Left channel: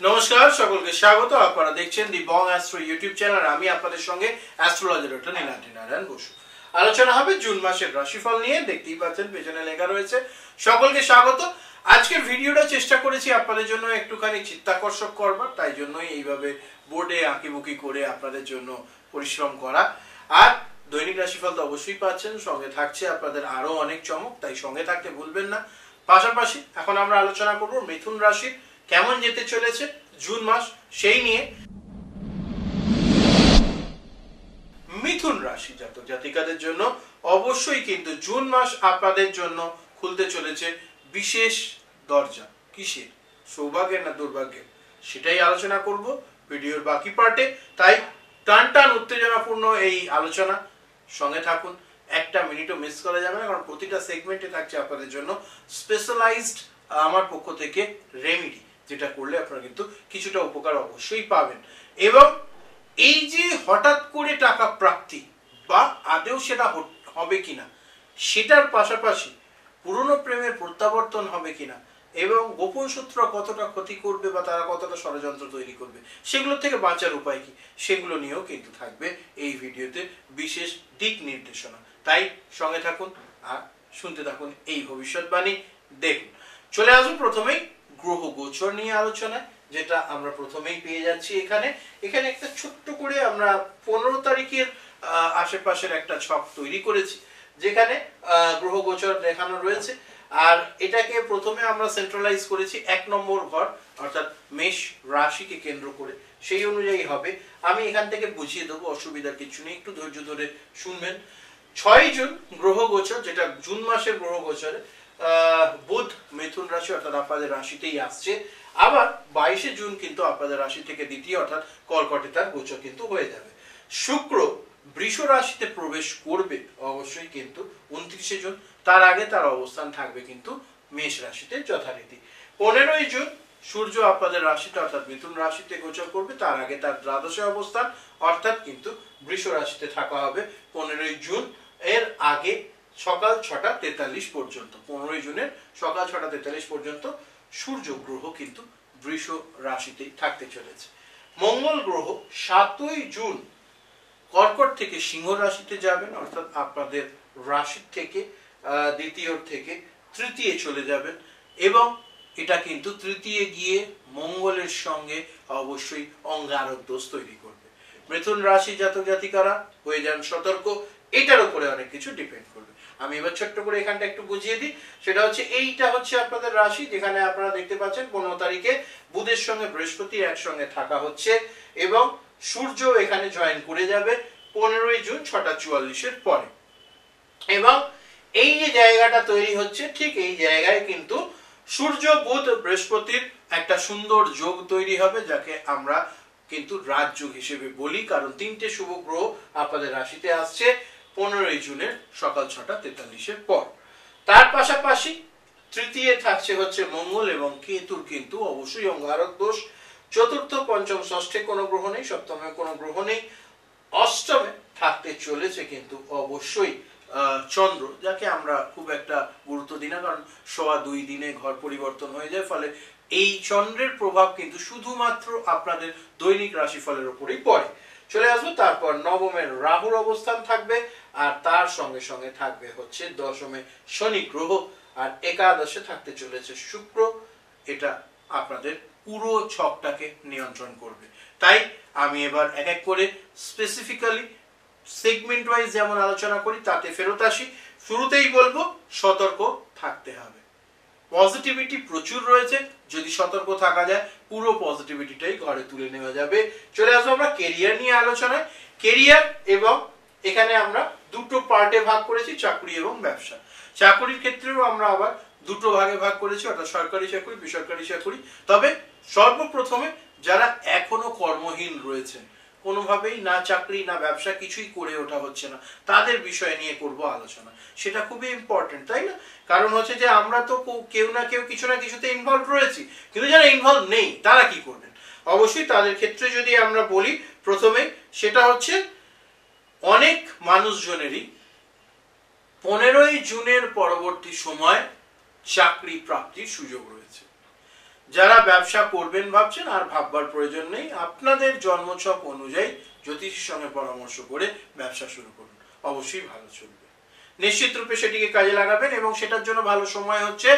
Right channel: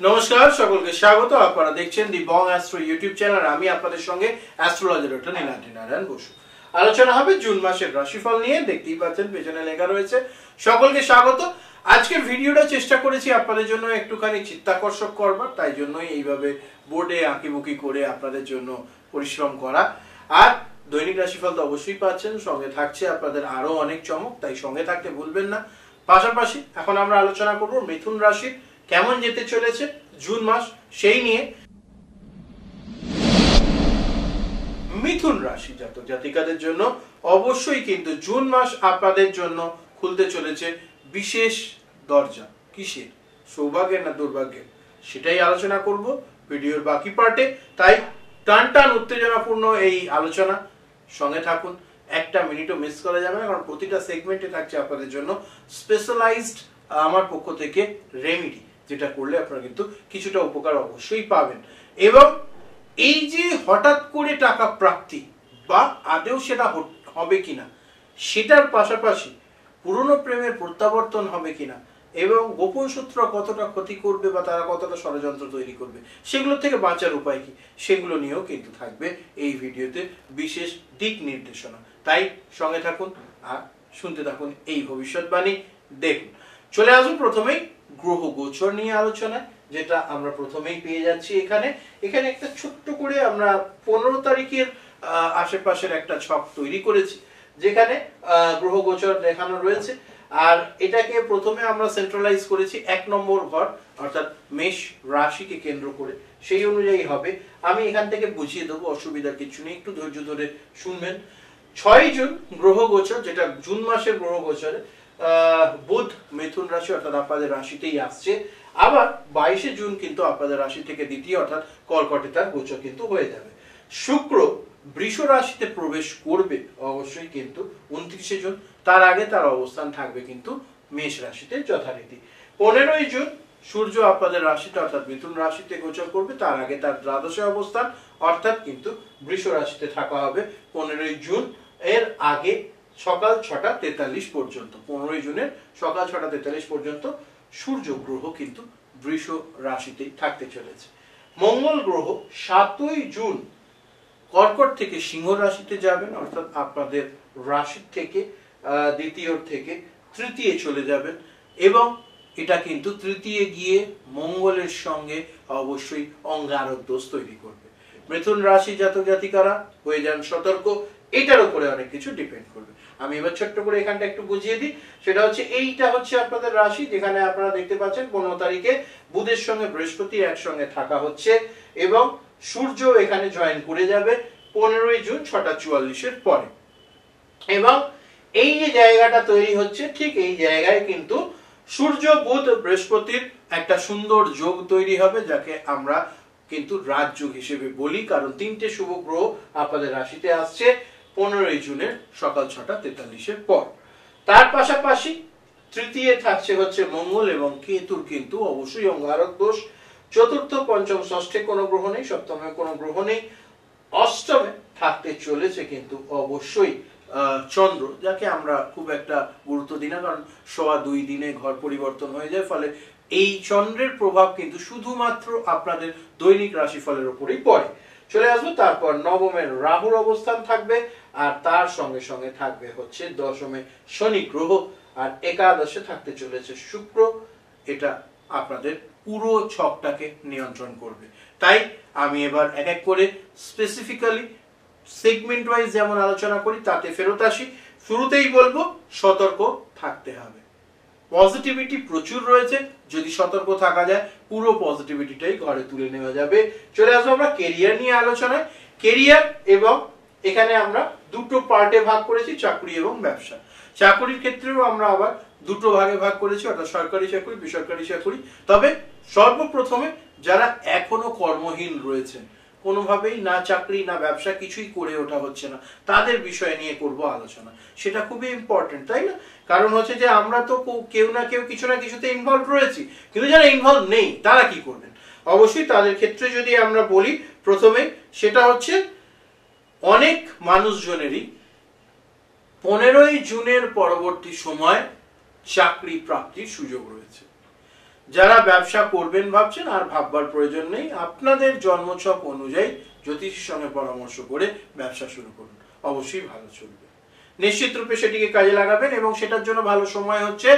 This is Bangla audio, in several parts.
नमस्कार सकलके स्वागत आपनारा देखছেন দি বং অ্যাস্ট্রো ইউটিউব চ্যানেল। আমি আপনাদের সঙ্গে অ্যাস্ট্রোলজার ডক্টর নীলাদ্রি নারায়ণ বসু। আলোচনা হবে জুন মাসের রাশিফল নিয়ে। দেখতেই পাচ্ছেন পেছনে লেখা রয়েছে সকলকে স্বাগত। আজকের ভিডিওটা চেষ্টা করেছি আপনাদের জন্য একটুখানি চিত্তাকর্ষক করবার, তাই জন্যই এইভাবে বোর্ডে আঁকিবুকি করে আপনাদের জন্য পরিশ্রম করা। আর দৈনিক রাশিফল তো অবশ্যই পাচ্ছেন, সঙ্গে থাকছে আপনাদের আরো অনেক চমক, তাই সঙ্গে থাকতে ভুলবেন না। পাশাপাশি এখন আমরা আলোচনা করব মিথুন রাশির কেমন যেতে চলেছে জুন মাস, সেই নিয়ে। মিথুন রাশি জাতক জাতিকাদের জন্য অবশ্যই কিন্তু জুন মাস আপনাদের জন্য খুলতে চলেছে বিশেষ দরজা। কিসের? সৌভাগ্যের না দুর্ভাগ্যের? সেটাই আলোচনা করব ভিডিওর বাকি পার্টে। তাই টান টান উত্তেজনাপূর্ণ এই আলোচনা, সঙ্গে থাকুন। একটা মিনিটও মিস করা যাবে না, কারণ প্রতিটা সেগমেন্টে থাকছে আপনাদের জন্য স্পেশালাইজড আমার পক্ষ থেকে রেমেডি, যেটা করলে আপনারা কিন্তু কিছুটা উপকার অবশ্যই পাবেন। এবং এই যে হঠাৎ করে টাকা প্রাপ্তি বা আদেও সেটা হবে কিনা, সেটার পাশাপাশি পুরনো প্রেমের প্রত্যাবর্তন হবে কিনা, এবং গোপন সূত্র কতটা ক্ষতি করবে বা তারা কতটা ষড়যন্ত্র তৈরি করবে, সেগুলো থেকে বাঁচার উপায় কি, সেগুলো নিয়েও কিন্তু থাকবে এই ভিডিওতে বিশেষ দিক নির্দেশনা। তাই সঙ্গে থাকুন আর শুনতে থাকুন এই ভবিষ্যৎবাণী। দেখুন, চলে আসুন প্রথমেই গ্রহ গোচর নিয়ে আলোচনায়, যেটা আমরা প্রথমেই পেয়ে যাচ্ছি এখানে। এখানে একটা ছোট্ট করে আমরা 15 তারিখের আশেপাশের একটা ছক তৈরি করেছি, যেখানে গ্রহ গোচর দেখানো রয়েছে। আর এটাকে প্রথমে আমরা সেন্ট্রালাইজ করেছি 1 নম্বর ঘর, অর্থাৎ মেষ রাশিকে কেন্দ্র করে, সেই অনুযায়ী হবে। আমি এখান থেকে বুঝিয়ে দেবো, অসুবিধার কিছু নেই, একটু ধৈর্য ধরে শুনবেন। 6 জুন গ্রহ গোচর, যেটা জুন মাসের গ্রহ গোচরে বুধ মিথুন রাশি অর্থাৎ আপনাদের রাশিতেই আসছে। আবার 22 জুন কিন্তু আপনাদের রাশি থেকে দ্বিতীয় অর্থাৎ কর্কটে তার গোচর কিন্তু হয়ে যাবে। শুক্র বৃষ রাশিতে প্রবেশ করবে অবশ্যই কিন্তু 29 জুন, তার আগে তার অবস্থান থাকবে কিন্তু মেষ রাশিতে যথারীতি। 15 জুন সূর্য আপনাদের রাশিতে অর্থাৎ মিথুন রাশিতে গোচর করবে, তার আগে তার দ্বাদশে অবস্থান অর্থাৎ কিন্তু বৃষ রাশিতে থাকা হবে 15 জুন। এর আগে সকাল 6টা 43 পর্যন্ত, 15 জুনের সকাল 6টা 43 পর্যন্ত সূর্য গ্রহ কিন্তু বৃষ রাশিতেই থাকতে চলেছে। মঙ্গল গ্রহ 7ই জুন কর্কট থেকে সিংহ রাশিতে যাবেন, অর্থাৎ আপনাদের রাশি থেকে দ্বিতীয় থেকে তৃতীয় চলে যাবেন। এবং এটা কিন্তু তৃতীয় গিয়ে মঙ্গলের সঙ্গে অবশ্যই অঙ্গারক দোষ তৈরি করবে। মিথুন রাশি জাতক জাতিকারা হয়ে যান সতর্ক, এটার উপরে অনেক কিছু ডিপেন্ড করবে। আমি এবার ছোট্ট করে এখানটা একটু বুঝিয়ে দিই। সেটা হচ্ছে, এইটা হচ্ছে আপনাদের রাশি, যেখানে আপনারা দেখতে পাচ্ছেন 15 তারিখে বুধের সঙ্গে বৃহস্পতি একসঙ্গে থাকা হচ্ছে, এবং সূর্য এখানে জয়েন করে যাবে 15 জুন 6টা 44-এর পরে। এবং এই যে জায়গাটা তৈরি হচ্ছে, ঠিক এই জায়গায় কিন্তু সূর্য বুধ বৃহস্পতির একটা সুন্দর যোগ তৈরি হবে, যাকে আমরা কিন্তু রাজযোগ হিসেবে বলি, কারণ 3টে শুভ গ্রহ আপনাদের রাশিতে আসছে 15 জুনের সকাল 6টা 43-এর পর। তার পাশাপাশি তৃতীয় থাকছে হচ্ছে মঙ্গল এবং কেতুর কিন্তু অবশ্যই অঙ্গারক দোষ। চতুর্থ, পঞ্চম, ষষ্ঠে কোনো গ্রহ নেই, সপ্তমে কোনো গ্রহ নেই। অষ্টমে থাকতে চলেছে কিন্তু অবশ্যই চন্দ্র, যাকে আমরা খুব একটা গুরুত্ব দিই না, কারণ 2.25 দিনে ঘর পরিবর্তন হয়ে যায়, ফলে এই চন্দ্রের প্রভাব কিন্তু শুধুমাত্র আপনাদের দৈনিক রাশিফলের উপরেই পড়ে। চলে আসবো তারপর নবমের রাহুর অবস্থান থাকবে, আর তার সঙ্গে সঙ্গে থাকবে হচ্ছে দশমে শনি গ্রহ, আর একাদশে থাকতে চলেছে শুক্র। এটা আপনাদের পুরো ছকটাকে নিয়ন্ত্রণ করবে। তাই আমি এবার এক এক করে স্পেসিফিক্যালি সেগমেন্ট ওয়াইজ যেমন আলোচনা করি তাতে ফেরত আসি। শুরুতেই বলবো সতর্ক থাকতে হবে। পজিটিভিটি প্রচুর রয়েছে, যদি সতর্ক থাকা যায় পুরো পজিটিভিটিটাই ঘরে তুলে নেওয়া যাবে। চলে আসবো আমরা কেরিয়ার নিয়ে আলোচনায়। কেরিয়ার, এবং এখানে আমরা দুটো পার্টে ভাগ করেছি, চাকরি এবং ব্যবসা। চাকরির ক্ষেত্রেও আমরা আবার দুটো ভাগে ভাগ করেছি, অর্থাৎ সরকারি চাকরি, বেসরকারি চাকরি। তবে সর্বপ্রথমে যারা এখনো কর্মহীন রয়েছেন, কোনোভাবেই না চাকরি না ব্যবসা কিছুই করে ওঠা হচ্ছে না, তাদের বিষয় নিয়ে করব আলোচনা। সেটা খুবই ইম্পর্টেন্ট, তাই না? কারণ হচ্ছে যে আমরা তো কেউ না কেউ কিছু না কিছুতে ইনভলভ রয়েছি, কিন্তু যারা ইনভলভ নেই তারা কি করবেন? অবশ্যই তাদের ক্ষেত্রে যদি আমরা বলি প্রথমে, সেটা হচ্ছে অনেক মানুষজনেরই 15 জুনের পরবর্তী সময় চাকরি প্রাপ্তির সুযোগ রয়েছে। যারা ব্যবসা করবেন ভাবছেন আর ভাববার প্রয়োজন নেই, আপনাদের জন্মছক অনুযায়ী জ্যোতিষীর সঙ্গে পরামর্শ করে ব্যবসা শুরু করুন, অবশ্যই ভালো চলবে। নিশ্চিত রূপে সেটিকে কাজে লাগাবেন এবং সেটার জন্য ভালো সময় হচ্ছে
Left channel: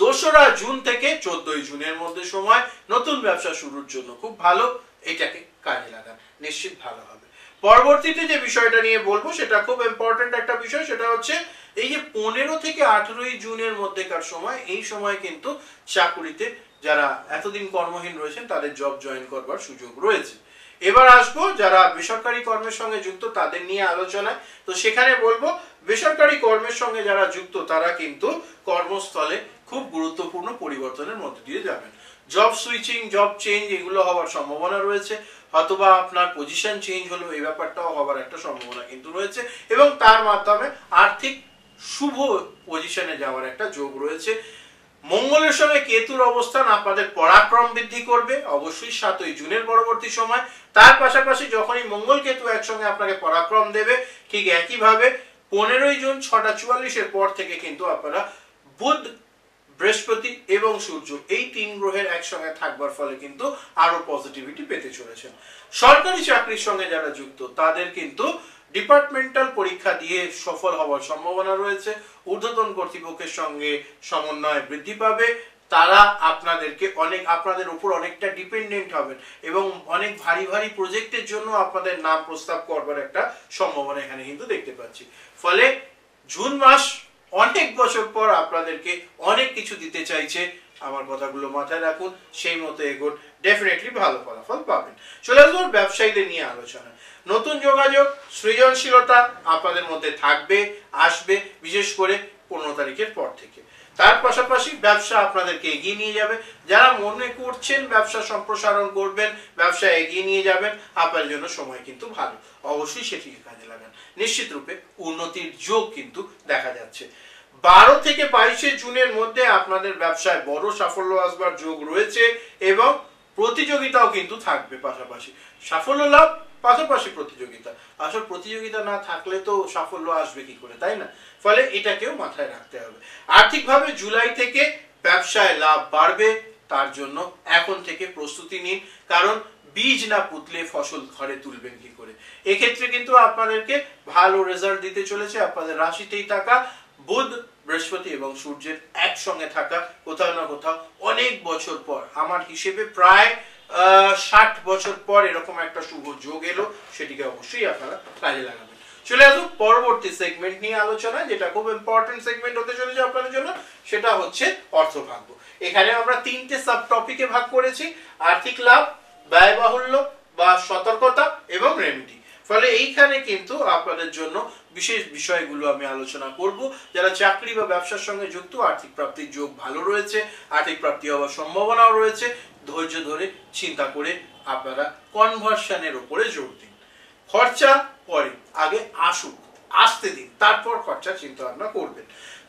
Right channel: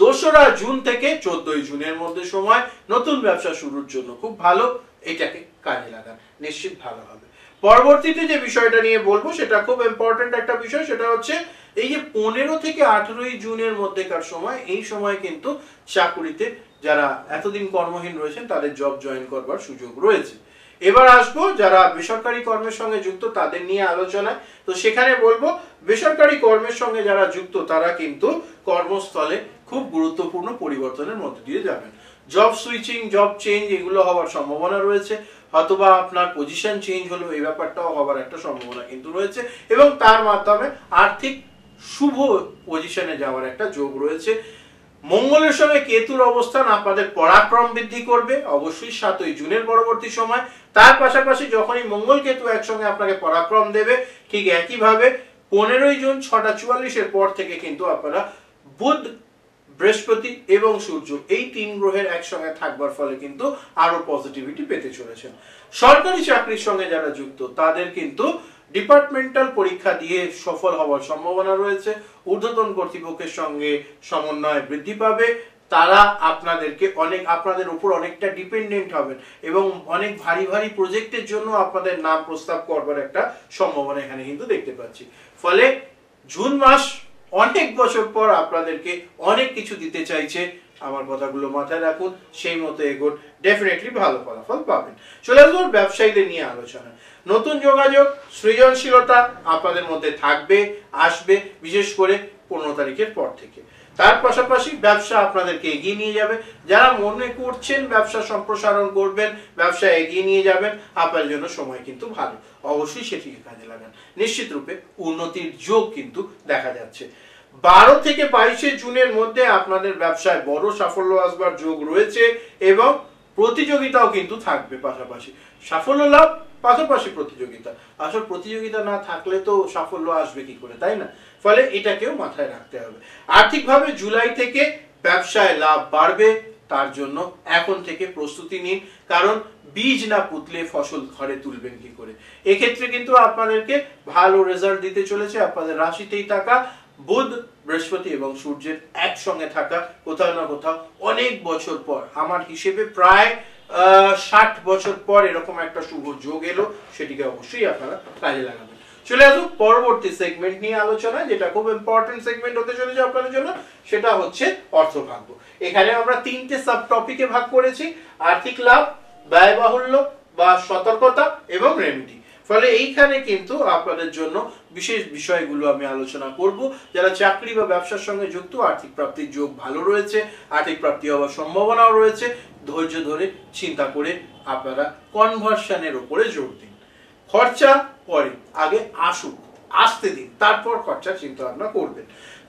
2রা জুন থেকে 14ই জুনের মধ্যে সময়, নতুন ব্যবসা শুরুর জন্য খুব ভালো, এটাকে কাজে লাগান, নিশ্চিত ভালো হবে। পরবর্তীতে যে বিষয়টা নিয়ে বলবো সেটা খুব ইম্পর্টেন্ট একটা বিষয়, সেটা হচ্ছে এই যে 15 থেকে 18ই জুনের মধ্যেকার সময়, এই সময় কিন্তু চাকুরিতে যারা এতদিন কর্মহীন রয়েছেন তাদের জব জয়েন করবার সুযোগ রয়েছে। এবার আসবো যারা বেসরকারি কর্মের সঙ্গে যুক্ত তাদের নিয়ে আলোচনায়। তো সেখানে বলবো বেসরকারি কর্মের সঙ্গে যারা যুক্ত তারা কিন্তু কর্মস্থলে খুব গুরুত্বপূর্ণ পরিবর্তনের মধ্যে দিয়ে যাবেন। জব সুইচিং, জব চেঞ্জ এগুলো হওয়ার সম্ভাবনা রয়েছে, অথবা আপনার পজিশন চেঞ্জ হলো, এই ব্যাপারটাও হওয়ার একটা সম্ভাবনা কিন্তু রয়েছে, এবং তার মাধ্যমে আর্থিক শুভ পজিশনে যাওয়ার একটা যোগ রয়েছে। মঙ্গলের সঙ্গে কেতুর অবস্থান আপনাদের পরাক্রম বৃদ্ধি করবে অবশ্যই 7ই জুনের পরবর্তী সময়। তার পাশাপাশি যখনই মঙ্গল কেতু একসঙ্গে আপনাকে পরাক্রম দেবে, ঠিক একইভাবে 15ই জুন 6:44 পর থেকে কিন্তু আপনারা বুধ, বৃহস্পতি এবং সূর্য এই 3 গ্রহের একসঙ্গে থাকবার ফলে কিন্তু আরো পজিটিভিটি পেতে চলেছেন। সরকারি চাকরির সঙ্গে যারা যুক্ত তাদের কিন্তু ডিপার্টমেন্টাল পরীক্ষা দিয়ে সফল হওয়ার সম্ভাবনা রয়েছে। ঊর্ধ্বতন কর্তৃপক্ষের সঙ্গে সমন্বয় বৃদ্ধি পাবে, তারা আপনাদের উপর অনেকটা ডিপেন্ডেন্ট হবেন এবং অনেক ভারী ভারী প্রজেক্টের জন্য আপনাদের নাম প্রস্তাব করবার একটা সম্ভাবনা এখানে কিন্তু দেখতে পাচ্ছি। ফলে জুন মাস অনেক বছর পর আপনাদেরকে অনেক কিছু দিতে চাইছে, আমার কথাগুলো মাথায় রাখুন, সেই মতো এগোন, ডেফিনেটলি ভালো ফলাফল পাবেন। চলে আসবো ব্যবসায়ীদের নিয়ে আলোচনা। নতুন যোগাযোগ, সৃজনশীলতা আপনাদের মধ্যে থাকবে, আসবে, বিশেষ করে 15 তারিখের পর থেকে। তার পাশাপাশি ব্যবসা আপনাদেরকে এগিয়ে নিয়ে যাবে। যারা মনে করছেন ব্যবসা সম্প্রসারণ করবেন, ব্যবসা এগিয়ে নিয়ে যাবেন, আপনার জন্য সময় কিন্তু ভালো, অবশ্যই সেটিকে কাজে লাগান। নিশ্চিত রূপে উন্নতির যোগ কিন্তু দেখা যাচ্ছে। 12 থেকে 22 জুনের মধ্যে আপনাদের ব্যবসায় বড় সাফল্য আসবার যোগ রয়েছে এবং প্রতিযোগিতাও কিন্তু থাকবে। পাশাপাশি সাফল্য লাভ, পাশাপাশি প্রতিযোগিতা। আসল প্রতিযোগিতা না থাকলে তো সাফল্য আসবে কি করে, তাই না? ফলে এটাকেও মাথায় রাখতে হবে। আর্থিকভাবে জুলাই থেকে ব্যবসায় লাভ বাড়বে, তার জন্য এখন থেকে প্রস্তুতি নিন, কারণ বীজ না পুতলে ফসল ঘরে তুলবেন কি করে। এক্ষেত্রে কিন্তু আপনাদেরকে ভালো রেজাল্ট দিতে চলেছে আপনাদের রাশিতেই থাকা বুধ, বৃহস্পতি এবং সূর্যের একসঙ্গে থাকা। কোথাও না কোথাও অনেক বছর পর, আমার হিসেবে প্রায় 60 বছর পর এরকম একটা শুভ যোগ এলো, সেটিকে অবশ্যই আপনারা কাজে লাগাবেন। চলে আসুন পরবর্তী সেগমেন্ট নিয়ে আলোচনা, যেটা খুব ইম্পর্টেন্ট সেগমেন্ট হতে চলেছে আপনাদের জন্য, সেটা হচ্ছে অর্থভাগ্য। এখানে আমরা 3টে সাব টপিকে ভাগ করেছি: আর্থিক লাভ, ব্যয়বাহুল্য বা সতর্কতা এবং রেমিডি। ফলে এইখানে কিন্তু আপনাদের জন্য বিশেষ বিষয়গুলো আমি আলোচনা করব। যারা চাকরি বা ব্যবসার সঙ্গে যুক্ত, আর্থিক প্রাপ্তির যোগ ভালো রয়েছে, আর্থিক প্রাপ্তি হওয়ার সম্ভাবনাও রয়েছে। ধৈর্য ধরে চিন্তা করে আপনারা কনভার্সনের উপরে জোর দিন। খরচা পরে, আগে আসতে দিন, তারপর খরচা চিন্তা ভাবনা করবেন।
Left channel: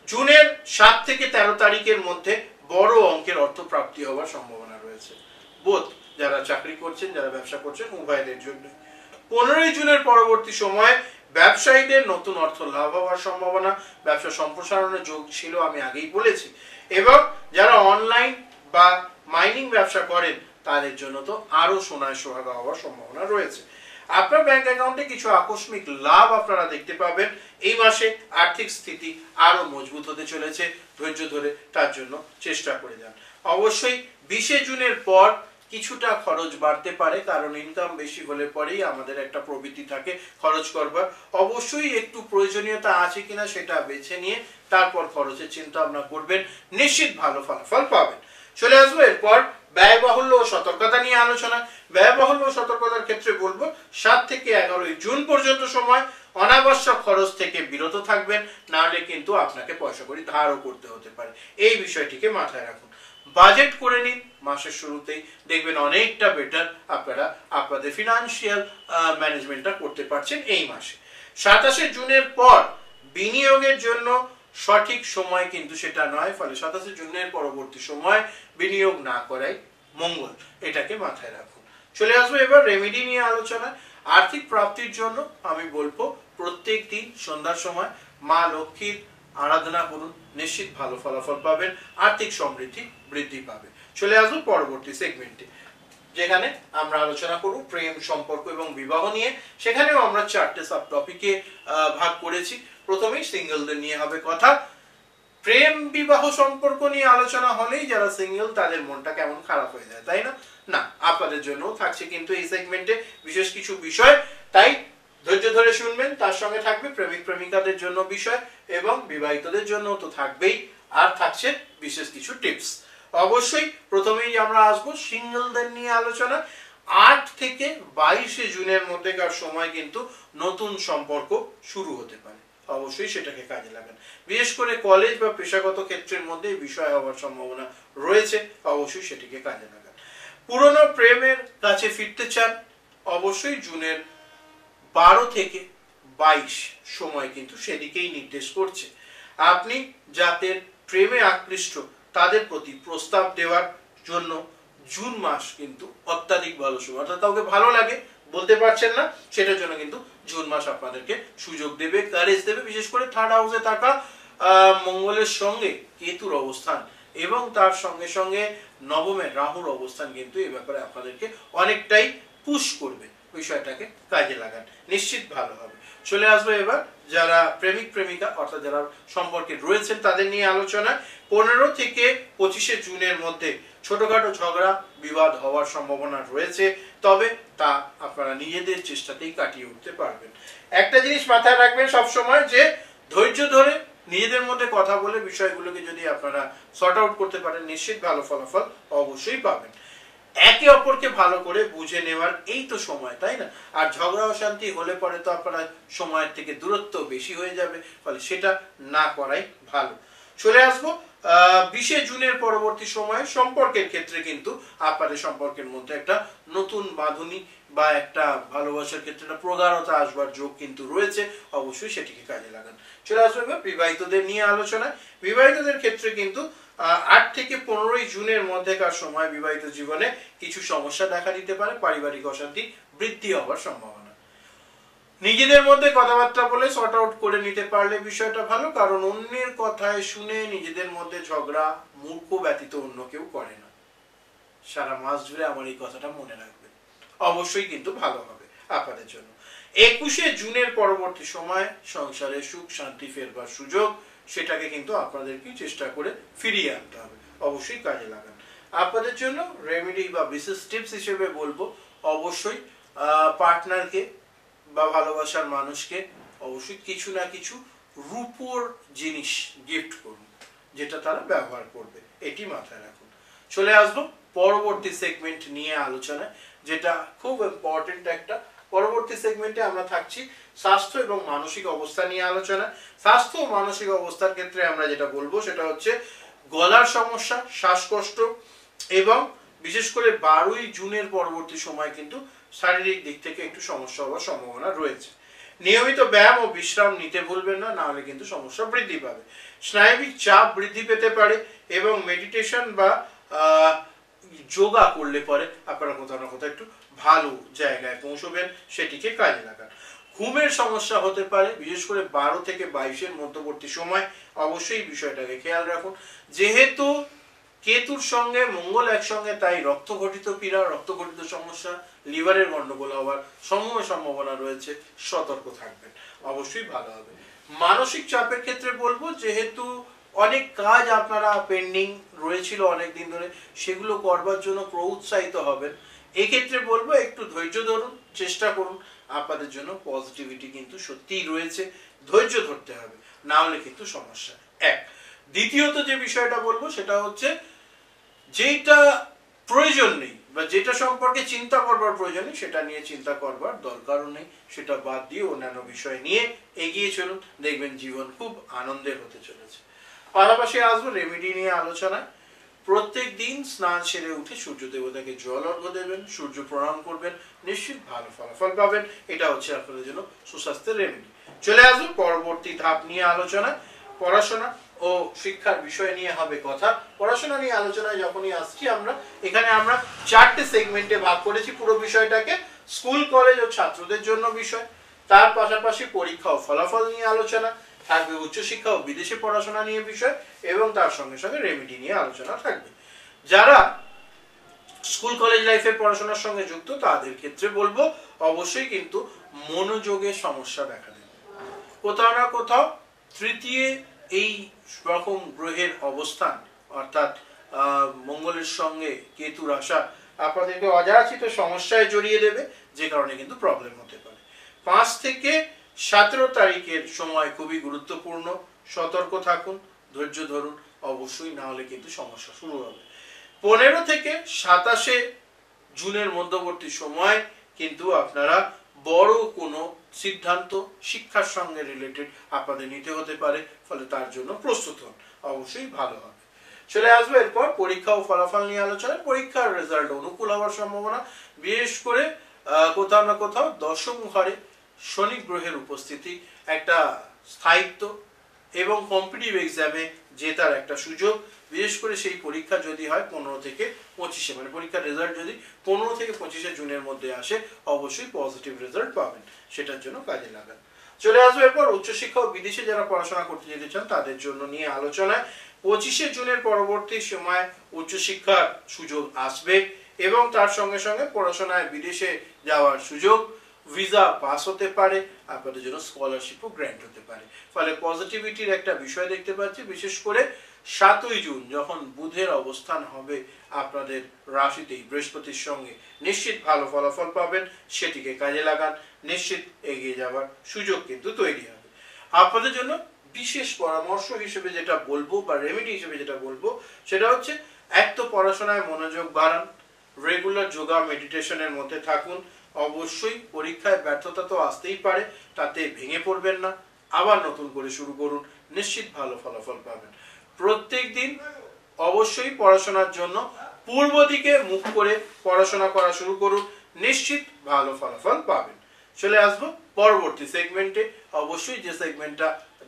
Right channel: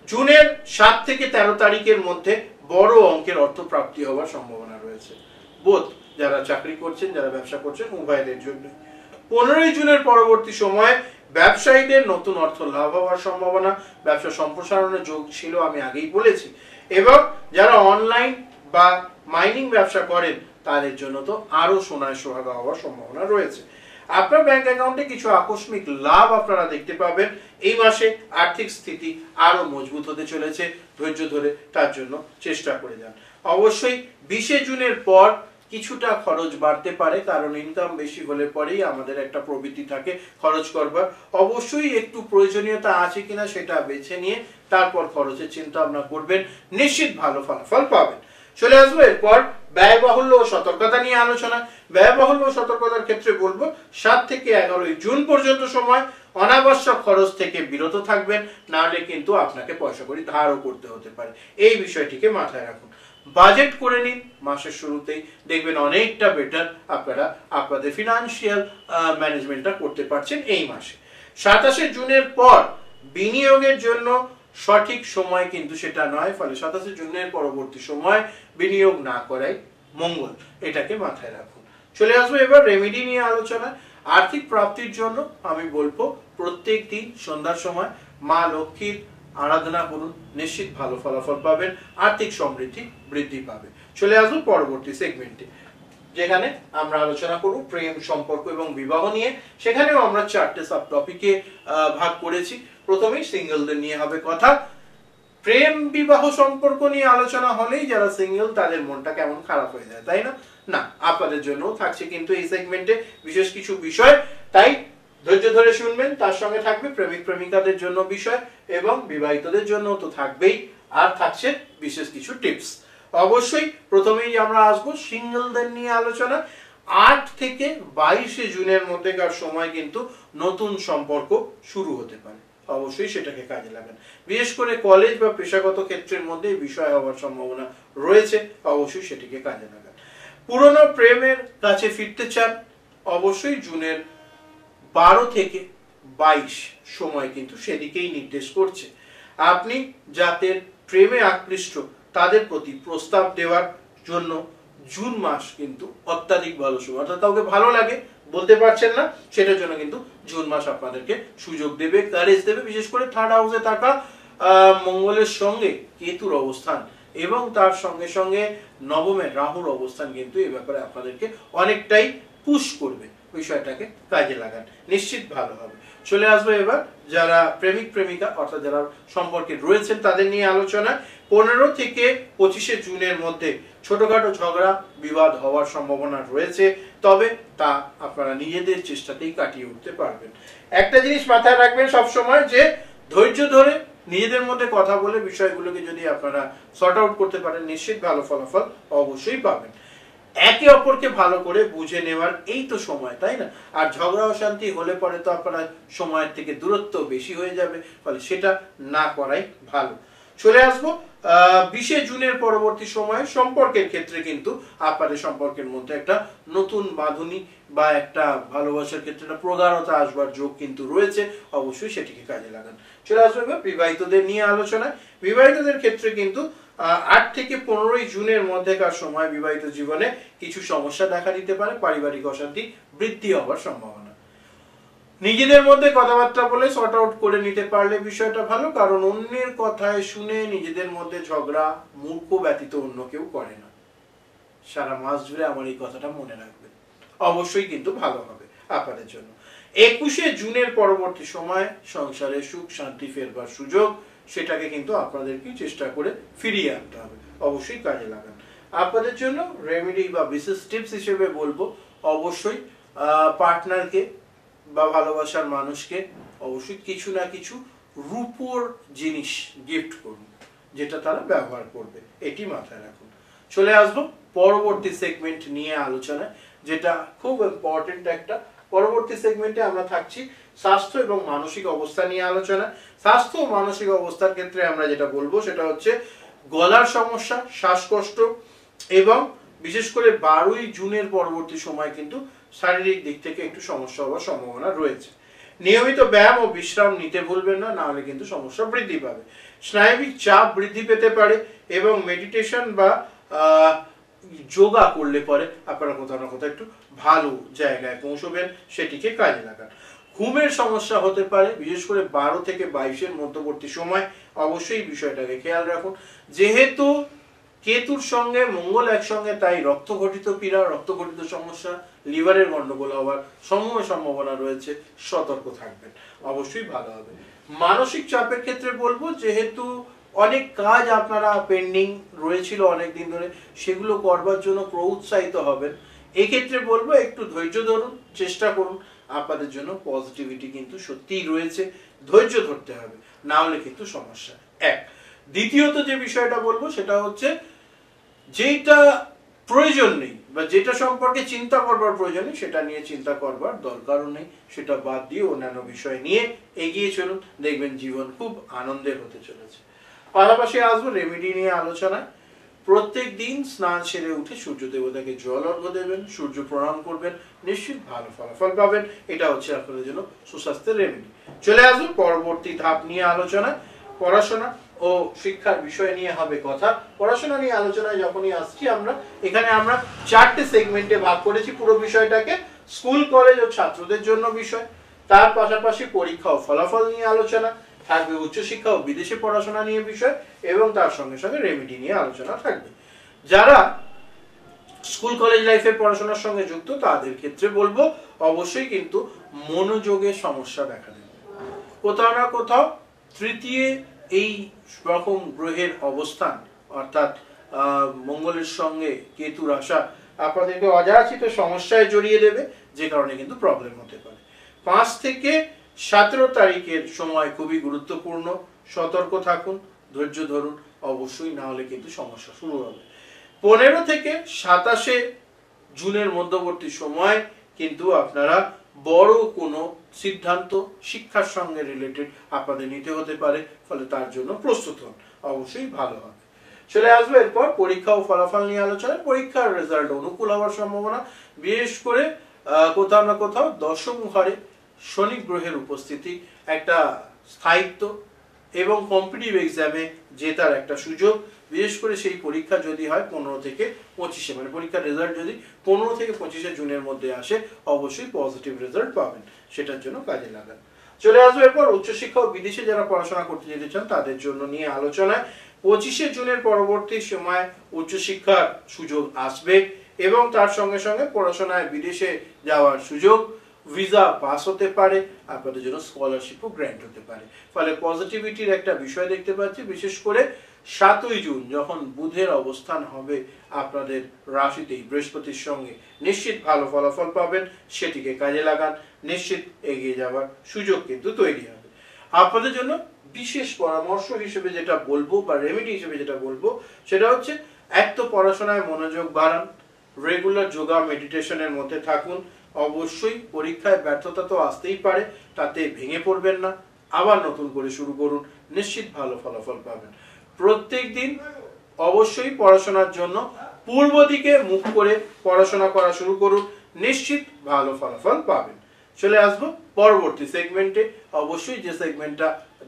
জুনের 7 থেকে 13 তারিখের মধ্যে বড় অঙ্কের অর্থ প্রাপ্তি হওয়ার সম্ভাবনা রয়েছে, বোধ যারা চাকরি করছেন, যারা ব্যবসা করছেন, উভয়দের জন্য। 15ই জুনের পরবর্তী সময় ব্যবসায়ীদের নতুন অর্থ লাভ হওয়ার সম্ভাবনা, ব্যবসা সম্প্রসারণের যোগ ছিল, আমি আগেই বলেছি। এবং যারা অনলাইন বা মাইনিং ব্যবসা করেন তাদের জন্য তো আরো সোনায় সোহাগা হওয়ার সম্ভাবনা রয়েছে। আপনার ব্যাংক অ্যাকাউন্টে কিছু আকস্মিক লাভ আপনারা দেখতে পাবেন। এই মাসে আর্থিক স্থিতি আরো মজবুত হতে চলেছে, ধৈর্য ধরে তার জন্য চেষ্টা করে যান। অবশ্যই 20 জুনের পর কিছুটা খরচ বাড়তে পারে, কারণ ইনকাম বেশি হলে পরেই আমাদের একটা প্রবৃত্তি থাকে খরচ করবার। অবশ্যই একটু প্রয়োজনীয়তা আছে কিনা সেটা বেছে নিয়ে তারপর খরচের চিন্তা ভাবনা করবেন, নিশ্চিত ভালো ফলাফল পাবেন। চলে আসবো এরপর ব্যয়বাহুল্য ও সতর্কতা নিয়ে আলোচনা। ব্যয়বাহুল্য ও সতর্কতার ক্ষেত্রে বলবো 7 থেকে 11 জুন পর্যন্ত সময় অনাবশ্যক খরচ থেকে বিরত থাকবেন, না হলে কিন্তু আপনাকে পয়সা কড়ি ধারও করতে হতে পারে। এই বিষয়টিকে মাথায় রাখুন। বাজেট করে নিন মাসের শুরুতেই, দেখবেন অনেকটা বেটার আপনারা আপনাদের ফিনান্সিয়াল ম্যানেজমেন্টটা করতে পারছেন এই মাসে। 27 জুনের পর বিনিয়োগের জন্য সঠিক সময় কিন্তু সেটা নয়, ফলে 27 জুনের পরবর্তী সময় বিনিয়োগ না করাই মঙ্গল, এটাকে মাথায় রাখুন। চলে আসবো এবার রেমেডি নিয়ে আলোচনা। আর্থিক প্রাপ্তির জন্য আমি বলবো প্রত্যেক দিন সন্ধ্যার সময় মা লক্ষ্মীর আরাধনা করুন, নিশ্চিত ভালো ফলাফল পাবেন, আর্থিক সমৃদ্ধি বৃদ্ধি পাবে। চলে আসবো পরবর্তী সেগমেন্টে, যেখানে আমরা আলোচনা করব প্রেম, সম্পর্ক এবং বিবাহ নিয়ে। সেখানেও আমরা 4টে সাব টপিকে ভাগ করেছি। প্রথমেই সিঙ্গেলদের নিয়ে হবে কথা। প্রেম বিবাহ সম্পর্ক নিয়ে আলোচনা হলেই যারা সিঙ্গেল তাদের মনটা কেমন খারাপ হয়ে যায়, তাই না? না, আপনাদের জন্য থাকছে কিন্তু এই সেগমেন্টে বিশেষ কিছু বিষয়, তাই ধৈর্য ধরে শুনবেন। তার সঙ্গে থাকবে প্রেমিক প্রেমিকাদের জন্য বিষয় এবং বিবাহিতদের জন্য তো থাকবেই, আর থাকছে বিশেষ কিছু টিপস। অবশ্যই প্রথমেই আমরা আসবো সিঙ্গেলদের নিয়ে আলোচনা। 8 থেকে 22 জুনের মধ্যেকার সময় কিন্তু নতুন সম্পর্ক শুরু হতে পারে, অবশ্যই সেটাকে কাজে লাগান। বিশেষ করে কলেজ বা পেশাগত ক্ষেত্রের মধ্যে বিষয় হওয়ার সম্ভাবনা রয়েছে, অবশ্যই সেটিকে কাজে লাগান। পুরনো প্রেমের কাছে ফিরতে চান, অবশ্যই জুনের 12 থেকে 22 সময় কিন্তু সেদিকেই নির্দেশ করছে। আপনি যাদের প্রেমে আকৃষ্ট তাদের প্রতি প্রস্তাব দেওয়ার জন্য জুন মাস কিন্তু অত্যাধিক ভালো সময়, অর্থাৎ কাউকে ভালো লাগে বলতে পারছেন না, সেটার জন্য কিন্তু জুন মাস আপনাদেরকে সুযোগ দেবে, কারেজ দেবে। বিশেষ করে 3rd হাউসে থাকা মঙ্গলের সঙ্গে কেতুর অবস্থান এবং তার সঙ্গে সঙ্গে নবমে রাহুর অবস্থান কিন্তু এই ব্যাপারে আপনাদেরকে অনেকটাই পুশ করবে। বিষয়টাকে কাজে লাগান, নিশ্চিত ভালো হবে। চলে আসবে এবার যারা প্রেমিক প্রেমিকা অর্থাৎ যারা সম্পর্কে রয়েছেন তাদের নিয়ে আলোচনা। 15 থেকে 25 জুনের মধ্যে ছোটখাটো ঝগড়া বিবাদ হওয়ার সম্ভাবনা রয়েছে, তবে তা আপনারা নিজেদের চেষ্টাতেই কাটিয়ে উঠতে পারবেন। একটা জিনিস মাথায় রাখবেন সবসময়, যে ধৈর্য ধরে নিজেদের মধ্যে কথা বলে বিষয়গুলোকে যদি আপনারা সর্ট আউট করতে পারেন, নিশ্চিত ভালো ফলাফল অবশ্যই পাবেন। একে অপরকে ভালো করে বুঝে নেওয়ার এই তো সময়, তাই না? আর ঝগড়া অশান্তি হলে পরে তো আপনারা সময়ের থেকে দূরত্ব বেশি হয়ে যাবে, ফলে সেটা না করাই ভালো। চলে আসবো 20 জুনের পরবর্তী সময়ে সম্পর্কের ক্ষেত্রে কিন্তু আপনাদের সম্পর্কের মধ্যে একটা নতুন বাঁধুনি বা একটা ভালোবাসার ক্ষেত্রে একটা প্রগাঢ়তা আসবার যোগ কিন্তু রয়েছে, অবশ্যই সেটিকে কাজে লাগান। চলে আসবো এবার বিবাহিতদের নিয়ে আলোচনায়। বিবাহিতদের ক্ষেত্রে কিন্তু 8 থেকে 15 জুনের মধ্যেকার সময় বিবাহিত জীবনে কিছু সমস্যা দেখা দিতে পারে, পারিবারিক অশান্তি বৃদ্ধি হওয়ার সম্ভাবনা। নিজেদের মধ্যে কথাবার্তা বলে সর্ট আউট করে নিতে পারলে বিষয়টা ভালো, কারণ অন্যের কথায় শুনে নিজেদের মধ্যে ঝগড়া মূর্খ ব্যতীত অন্য কেউ করে না। সারা মাস জুড়ে আমার এই কথাটা মনে রাখবেন, অবশ্যই কিন্তু ভালো হবে আপনাদের জন্য। 21 জুনের পরবর্তী সময় সংসারে সুখ শান্তি ফেরবার সুযোগ, সেটাকে কিন্তু আপনাদেরকে চেষ্টা করে ফিরিয়ে আনতে হবে, অবশ্যই কাজে লাগান। আপনাদের জন্য রেমেডি বা বিশেষ টিপস হিসেবে বলবো, অবশ্যই পার্টনারকে বা ভালোবাসার মানুষকে অবশ্যই কিছু না কিছু রূপোর জিনিস গিফট করুন, যেটা তারা ব্যবহার করবে, এটি মাথায় রাখুন। চলে আসবো পরবর্তী সেগমেন্ট নিয়ে আলোচনা, যেটা খুব ইম্পর্টেন্ট একটা। পরবর্তী সেগমেন্টে আমরা থাকছি স্বাস্থ্য এবং মানসিক অবস্থা নিয়ে আলোচনা। স্বাস্থ্য ও মানসিক অবস্থার ক্ষেত্রে আমরা যেটা বলবো সেটা হচ্ছে গলার সমস্যা, শ্বাসকষ্ট এবং বিশেষ করে 12 জুনের পরবর্তী সময় কিন্তু শারীরিক দিক থেকে একটু সমস্যা হওয়ার সম্ভাবনা রয়েছে। নিয়মিত ব্যায়াম ও বিশ্রাম নিতে ভুলবেন না, নাহলে কিন্তু সমস্যা বৃদ্ধি পাবে। স্নায়বিক চাপ বৃদ্ধি পেতে পারে এবং মেডিটেশন বা যোগা করলে পরে আপনারা কোথাও না কোথাও একটু ভালো জায়গায় পৌঁছবেন, সেটিকে কাজে লাগান। ঘুমের সমস্যা হতে পারে, বিশেষ করে 12 থেকে 22 মধ্যবর্তী সময়, অবশ্যই বিষয়টাকে খেয়াল রাখুন। যেহেতু কেতুর সঙ্গে মঙ্গল একসঙ্গে, তাই রক্তঘটিত পীড়া, রক্তঘটিত সমস্যা, লিভারের গন্ডগোল হওয়ার সম্ভাবনা রয়েছে, সতর্ক থাকবেন, অবশ্যই ভালো হবে। মানসিক চাপের ক্ষেত্রে বলবো, যেহেতু অনেক কাজ আপনারা পেন্ডিং রয়েছিল অনেক দিন ধরে, সেগুলো করবার জন্য প্রউৎসাহিত হবেন। এই ক্ষেত্রে বলবো একটু ধৈর্য ধরুন, চেষ্টা করুন, আপনাদের জন্য পজিটিভিটি কিন্তু সত্যিই রয়েছে, ধৈর্য ধরতে হবে, না হলে কিন্তু সমস্যা। এক দ্বিতীয়ত যে বিষয়টা বলবো সেটা হচ্ছে, যেটা প্রয়োজন নেই বা যেটা সম্পর্কে চিন্তা করবার প্রয়োজন নেই, সেটা নিয়ে চিন্তা করবার দরকারও নেই, সেটা বাদ দিয়ে অন্যান্য বিষয় নিয়ে এগিয়ে চলুন, দেখবেন জীবন খুব আনন্দের হতে চলেছে। পাশাপাশি আসবো রেমেডি নিয়ে আলোচনায়। প্রত্যেক দিন স্নান সেরে উঠে সূর্য দেবতাকে জল অর্ঘ্য দেবেন, সূর্য প্রণাম করবেন, নিশ্চিত ভালো ফলাফল পাবেন। এটা হচ্ছে আপনাদের জন্য সুস্বাস্থ্যের রেমেডি। চলে আসবো পরবর্তী ধাপ নিয়ে আলোচনা। পড়াশোনা ও শিক্ষার বিষয় নিয়ে হবে কথা। পড়াশোনা নিয়ে আলোচনায় যখনই আসছি আমরা, এখানে আমরা 4টে সেগমেন্টে ভাগ করেছি পুরো বিষয়টাকে। স্কুল কলেজ ও ছাত্রদের জন্য বিষয়, তার পাশাপাশি পরীক্ষা ও ফলাফল নিয়ে আলোচনা, থাকবে উচ্চশিক্ষা ও বিদেশে পড়াশোনা নিয়ে বিষয় এবং তার সঙ্গে সঙ্গে রেমেডি নিয়ে আলোচনা থাকবে। যারা স্কুল কলেজ লাইফের পড়াশোনার সঙ্গে যুক্ত তাদের ক্ষেত্রে বলবো অবশ্যই কিন্তু মনোযোগের সমস্যা দেখা দেবে। কোথাও না কোথাও তৃতীয় এই রকম গ্রহের অবস্থান অর্থাৎ মঙ্গলের সঙ্গে কেতুর আসা আপনাদেরকে অযাচিত সমস্যায় জড়িয়ে দেবে, যে কারণে কিন্তু প্রবলেম হতে পারে। 5 থেকে 17 তারিখের সময় খুবই গুরুত্বপূর্ণ, সতর্ক থাকুন, ধৈর্য ধরুন, অবশ্যই না হলে কিন্তু সমস্যা শুরু হবে। 15 থেকে 27 জুনের মধ্যবর্তী সময় কিন্তু আপনারা বড় কোনো সিদ্ধান্ত শিক্ষার সঙ্গে রিলেটেড আপনাদের নিতে হতে পারে, ফলে তার জন্য প্রস্তুত হন, অবশ্যই ভালো হবে। চলে আসবে এরপর পরীক্ষা ও ফলাফল নিয়ে আলোচনা। পরীক্ষার রেজাল্ট অনুকূল হওয়ার সম্ভাবনা, বিশেষ করে কোথাও না কোথাও দশম ঘরে শনি গ্রহের উপস্থিতি একটা স্থায়িত্ব এবং কম্পিটিটিভ এক্সামে জেতার একটা সুযোগ। বিশেষ করে সেই পরীক্ষা যদি হয় 15 থেকে 25, মানে পরীক্ষার রেজাল্ট যদি 15 থেকে 25 জুনের মধ্যে আসে, অবশ্যই পজিটিভ রেজাল্ট পাবেন, সেটার জন্য কাজে লাগান। চলে আসবে এরপর উচ্চশিক্ষা ও বিদেশে যারা পড়াশোনা করতে যেতে চান তাদের জন্য নিয়ে আলোচনায়। 25 জুনের পরবর্তী সময় উচ্চশিক্ষার সুযোগ আসবে এবং তার সঙ্গে সঙ্গে পড়াশোনায় বিদেশে যাওয়ার সুযোগ, ভিসা পাস হতে পারে, আপনাদের জন্য স্কলারশিপও গ্র্যান্ট হতে পারে। ফলে পজিটিভিটির একটা বিষয় দেখতে পাচ্ছি। বিশেষ করে 7ই জুন যখন বুধের অবস্থান হবে আপনাদের রাশিতেই বৃহস্পতির সঙ্গে, নিশ্চিত ভালো ফলাফল পাবেন, সেটিকে কাজে লাগান, নিশ্চিত এগিয়ে যাওয়ার সুযোগ কিন্তু তৈরি হবে। আপনাদের জন্য বিশেষ পরামর্শ হিসেবে যেটা বলবো বা রেমেডি হিসেবে যেটা বলবো সেটা হচ্ছে, এক তো পড়াশোনায় মনোযোগ বাড়ান, রেগুলার যোগা মেডিটেশনের মধ্যে থাকুন। অবশ্যই পরীক্ষায় ব্যর্থতা তো আসতেই পারে, তাতে ভেঙে পড়বেন না, আবার নতুন করে শুরু করুন, নিশ্চিত ভালো ফলাফল পাবেন। প্রত্যেক দিন অবশ্যই পড়াশোনার জন্য পূর্ব দিকে মুখ করে পড়াশোনা করা শুরু করুন, নিশ্চিত ভালো ফলাফল পাবেন। চলে আসবো পরবর্তী সেগমেন্টে। অবশ্যই যে সেগমেন্টটা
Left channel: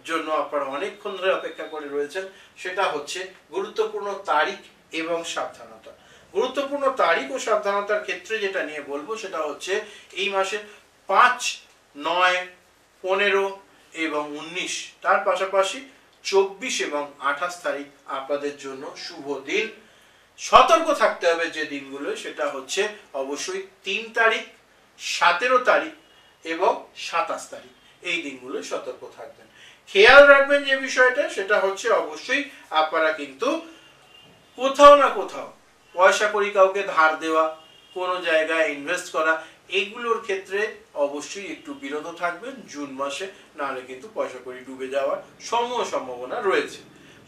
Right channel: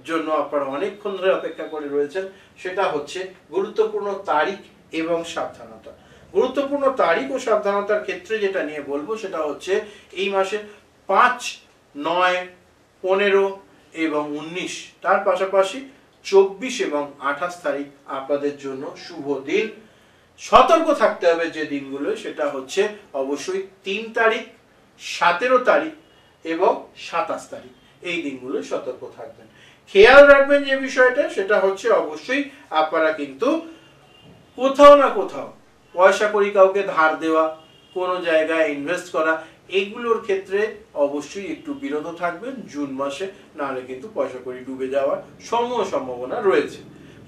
জন্য আপনারা অনেকক্ষণ ধরে অপেক্ষা করে রয়েছেন, সেটা হচ্ছে গুরুত্বপূর্ণ তারিখ এবং সাবধানতা। গুরুত্বপূর্ণ তারিখ ও সাবধানতার ক্ষেত্রে যেটা নিয়ে বলবো সেটা হচ্ছে এই মাসের 5, 9, 15 এবং 19, তার পাশাপাশি 24 এবং 28 তারিখ আপনাদের জন্য শুভ দিন। সতর্ক থাকতে হবে যে দিনগুলো, সেটা হচ্ছে অবশ্যই 3 তারিখ, 17 তারিখ এবং 27 তারিখ, এই দিনগুলো সতর্ক থাকবেন। খেয়াল রাখবেন যে বিষয়টা, সেটা হচ্ছে অবশ্যই আপনারা কিন্তু কোথাও না কোথাও পয়সা করি কাউকে ধার দেওয়া, কোনো জায়গায় ইনভেস্ট করা, এগুলোর ক্ষেত্রে অবশ্যই একটু বিরত থাকবেন জুন মাসে, নাহলে কিন্তু পয়সা করি ডুবে যাওয়ার সম্ভাবনা রয়েছে।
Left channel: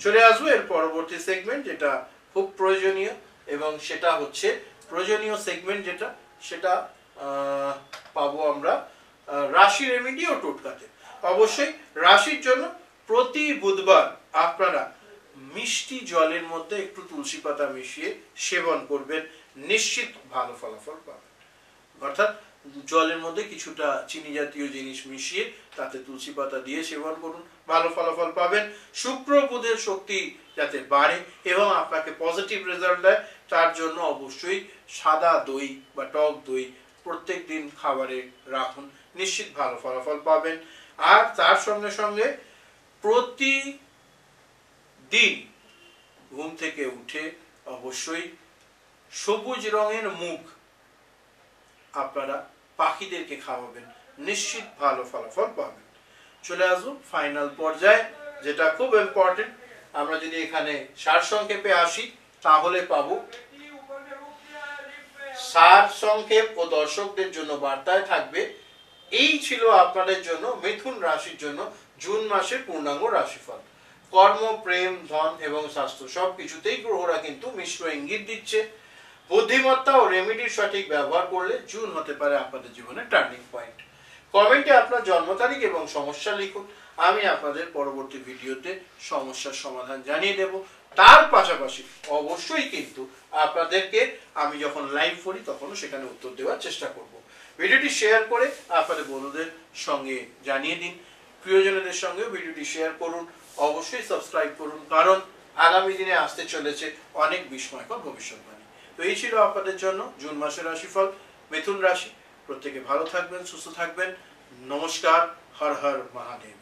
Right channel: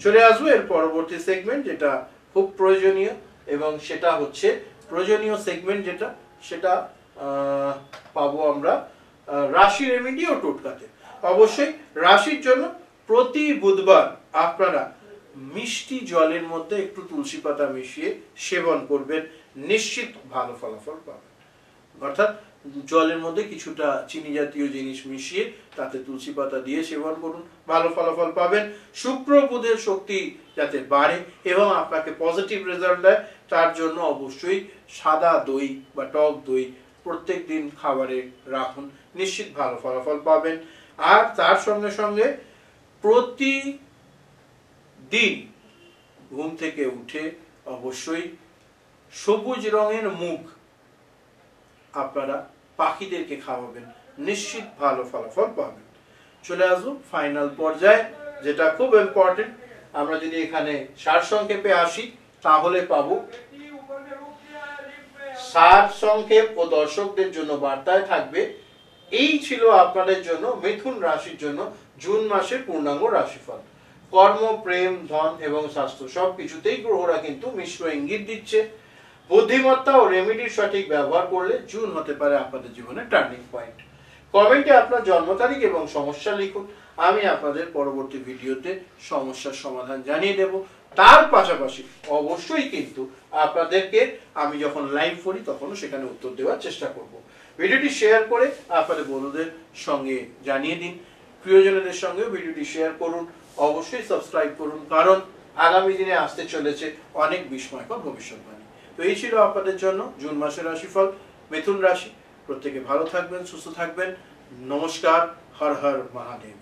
চলে আসবো এর পরবর্তী সেগমেন্ট, যেটা খুব প্রয়োজনীয় এবং সেটা হচ্ছে প্রয়োজনীয় সেগমেন্ট যেটা, সেটা পাবো আমরা রাশি রেমেডি ও টোটকাতে। অবশ্যই রাশির জন্য প্রতি বুধবার আপনারা মিষ্টি জলের মধ্যে একটু তুলসী পাতা মিশিয়ে সেবন করবেন, নিশ্চিত ভালো ফলাফল পাবেন। অর্থাৎ জলের মধ্যে কিছুটা চিনি জাতীয় জিনিস মিশিয়ে তাতে তুলসী পাতা দিয়ে সেবন করুন, ভালো ফলাফল পাবেন। শুক্র বুধের শক্তি যাতে বাড়ে এবং আপনাকে পজিটিভ রেজাল্ট দেয়, তার জন্য অবশ্যই সাদা দই বা টক দই প্রত্যেক দিন খাবারে রাখুন, নিশ্চিত ভালো ফলাফল পাবেন। আর তার সঙ্গে সঙ্গে প্রতিদিন ঘুম থেকে উঠে অবশ্যই সবুজ রঙের মুগ আপনারা পাখিদেরকে খাওয়াবেন, নিশ্চিত ভালো ফলাফল পাবেন। চলে আসবো ফাইনাল পর্যায়ে, যেটা খুব ইম্পর্টেন্ট। আমরা যদি এখানে সারসংক্ষেপে আসি তাহলে পাবো সারসংক্ষেপ ও দর্শকদের জন্য বার্তায় থাকবে, এই ছিল আপনাদের জন্য মিথুন রাশির জন্য জুন মাসের পূর্ণাঙ্গ রাশিফল। কর্ম, প্রেম, ধন এবং স্বাস্থ্য সবকিছুতেই গ্রহরা কিন্তু মিশ্র ইঙ্গিত দিচ্ছে। বুদ্ধিমত্তা ও রেমেডির সঠিক ব্যবহার করলে জুন হতে পারে আপনাদের জীবনে টার্নিং পয়েন্ট। কমেন্টে আপনার জন্ম তারিখ এবং সমস্যা লিখুন, আমি আপনাদের পরবর্তী ভিডিওতে সমস্যার সমাধান জানিয়ে দেব। তার পাশাপাশি অবশ্যই কিন্তু আপনাদেরকে আমি যখন লাইভ করি তখনও সেখানে উত্তর দেওয়ার চেষ্টা করব। ভিডিওটি শেয়ার করে আপনাদের বন্ধুদের সঙ্গে জানিয়ে দিন, প্রিয়জনদের সঙ্গে ভিডিওটি শেয়ার করুন, অবশ্যই সাবস্ক্রাইব করুন, কারণ আগামী দিনে আসতে চলেছে অনেক বিস্ময়কর ভবিষ্যৎবাণী। তো এই ছিল আপনাদের জন্য জুন মাসের রাশিফল, মিথুন রাশি। প্রত্যেকে ভালো থাকবেন, সুস্থ থাকবেন। নমস্কার, হর হর মহাদেব।